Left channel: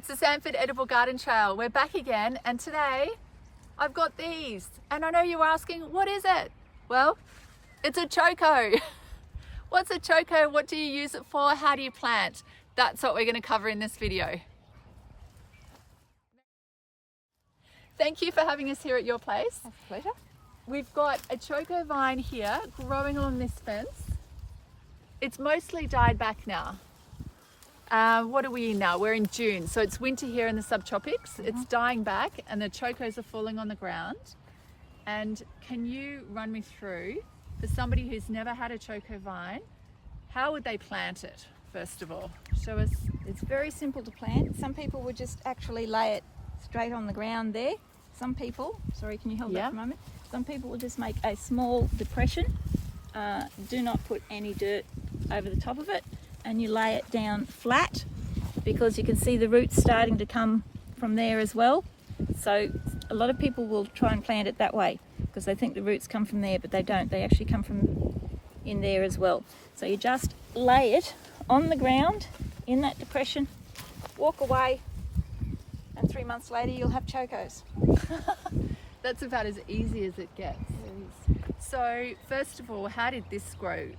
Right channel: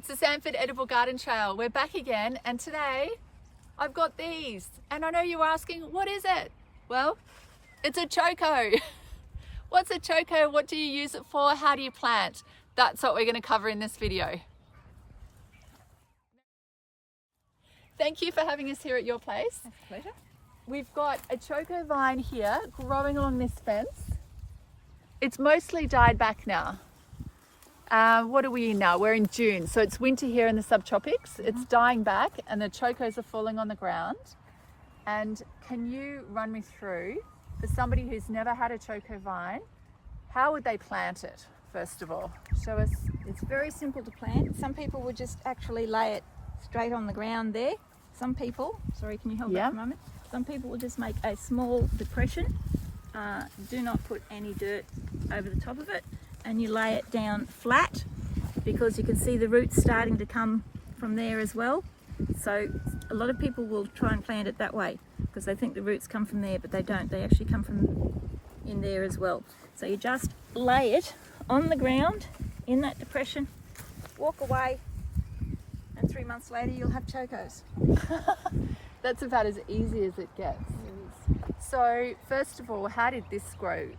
It's the Sanford Edible Garden Trail. We're back again, and today I've got these. And I know you're asking, what is it? Well, it's a Choko. What's a Choko? What do you use it for? How do you plant? That's what we're going to cover in this video. Thank you for having us here at your place. That's a pleasure. We've got a Choko vine here growing along this fence. It's mostly died back now. What are we in now? We're in June, so it's winter here in the subtropics. It's dying back and the Chokos are falling on the ground. And can you run me through, for somebody who's never had a Choko vine, how would they plant it, first of all? Show us. It's very simple to plant. Some people would just actually lay it straight on the ground there. Some people, sorry, can you hold that for a moment? Some people will just make a small depression. Do not put any dirt over the top of it, and you lay it down flat because you can see the roots starting to come from there as well. So a lot of people will try and plant it that way because they think the roots come from there, but they don't. They actually come from in there as well. So you just lay it on the ground in that depression, walk away, and 3 months later you'll have Chokos. That's about as easy as it gets. It is. So first of all, how did this grow?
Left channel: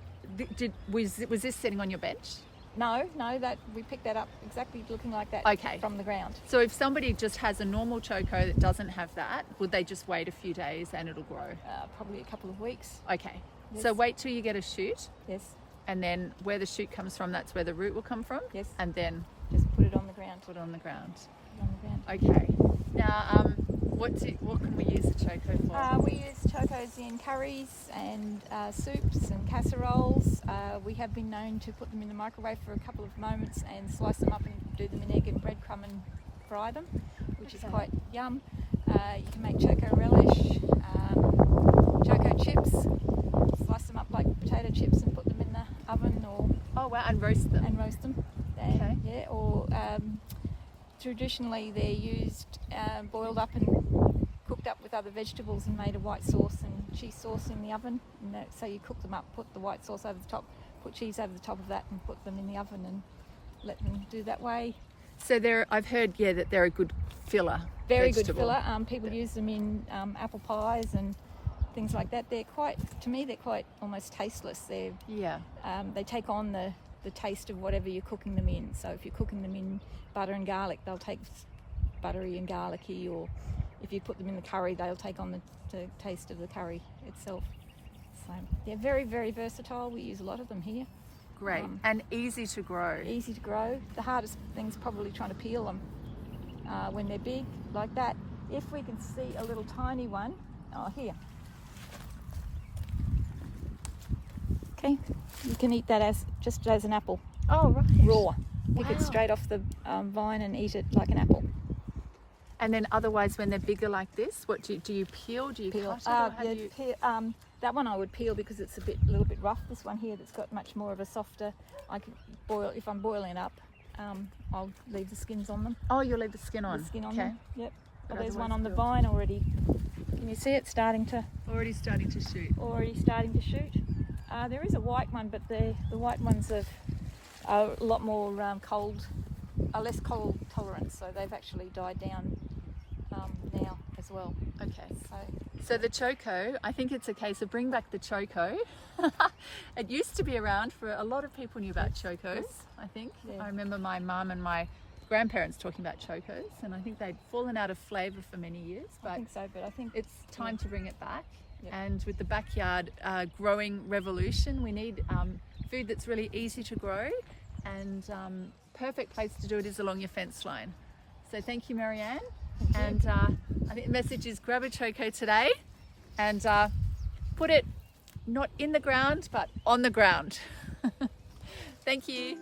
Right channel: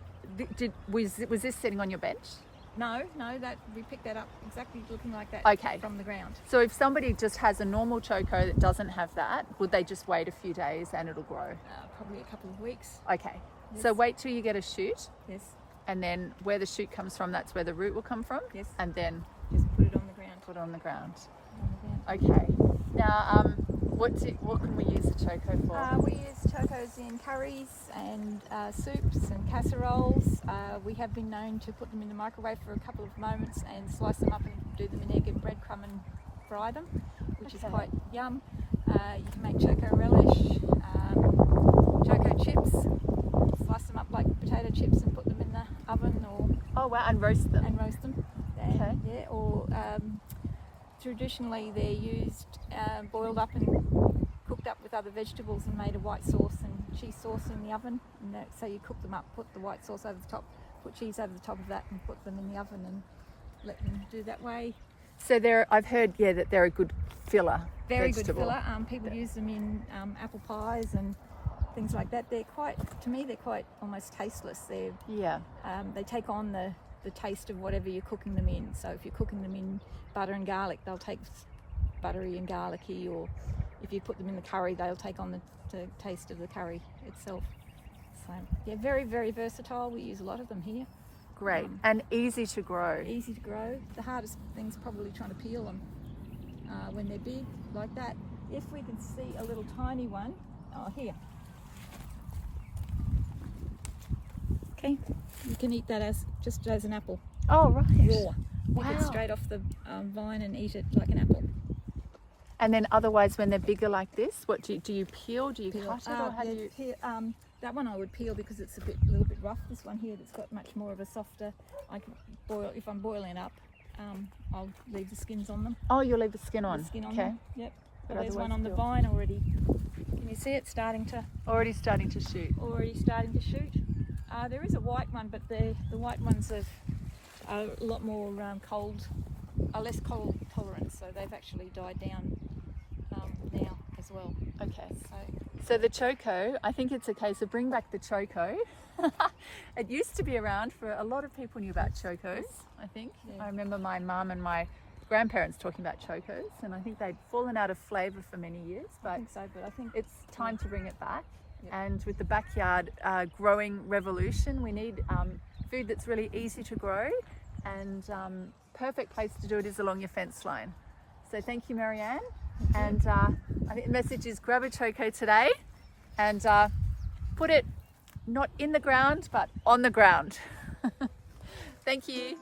Was this sitting on your bench? No, that we picked that up exactly looking like that. Okay. From the ground. So if somebody just has a normal Choko that doesn't have that, would they just wait a few days and it'll grow? Probably a couple of weeks. Okay. Yes. So wait till you get a shoot. Yes. And then where the shoot comes from, that's where the root will come from. Yes. And then Just put it on the ground. put it on the ground. On the ground. Okay. Now, what can we use the Choko for? We use Chokos in curries and soups and casseroles. We have been known to put them in the microwave for a couple of moments and slice them up and do them in egg and breadcrumb and fry them, which is quite yum. You can make Choko relish, Choko chips, slice them up like potato chips and put them in the oven, or And roast them. Okay. Yeah, or traditionally they're used boiled up and cooked up with other vegetables and made a white sauce and cheese sauce in the oven. And so you cook them up, put the white sauce over the top, put cheese over the top of that, and put them in the oven and let them do that way. So I've heard, that they're a good filler. Very vegetable. good filler. People use them in apple pies and things like that. They're quite almost tasteless. They take on the taste of whatever you're cooking them in. So if you're cooking them in butter and garlic, they'll take buttery and garlicky, or if you put them in the curry, they'll take on the taste of the curry itself. So yeah, very, very versatile. We use a lot of them here. Great. And easy to grow. Easy to grow. The hardest thing's probably trying to peel them when they're big like that. If we can see a little tiny one, here. Okay, you can eat that just as an apple. Oh, right. Raw. Pick it straight off the vine and eat it like an apple. And then otherwise, when they're bigger like this, what do you peel? Do you Peel. cut it? Or how do you... That one I would peel because it's a little bit rough. This one here that's got much more of a softer. I can boil if I'm boiling it up. I'll leave the skins on them. Oh, you'll leave the skin on. The skin on okay. them. Yep. But There's one otherwise on the peel. vine already. Can you see it starting to? Already starting to shoot. Already starting to shoot. There is a white one, but the white ones are a lot more less cold tolerant, so they've actually died down now as well. Okay. So the Choko, I think it's a case of bring back the Choko. It used to be around for a lot of people knew about Chokos, I think. Yeah. I remember my mum and my grandparents talking about Chokos, and I think they'd fallen out of flavour for many years, but I think so, but I think it's time to bring it back. Yep. And with the backyard growing revolution, we need food that's really easy to grow, and perfect place to do it is along your fence line. So thank you, Marianne. And I think the message is grab a Choko today and put it not in the ground but on the ground. Thank you.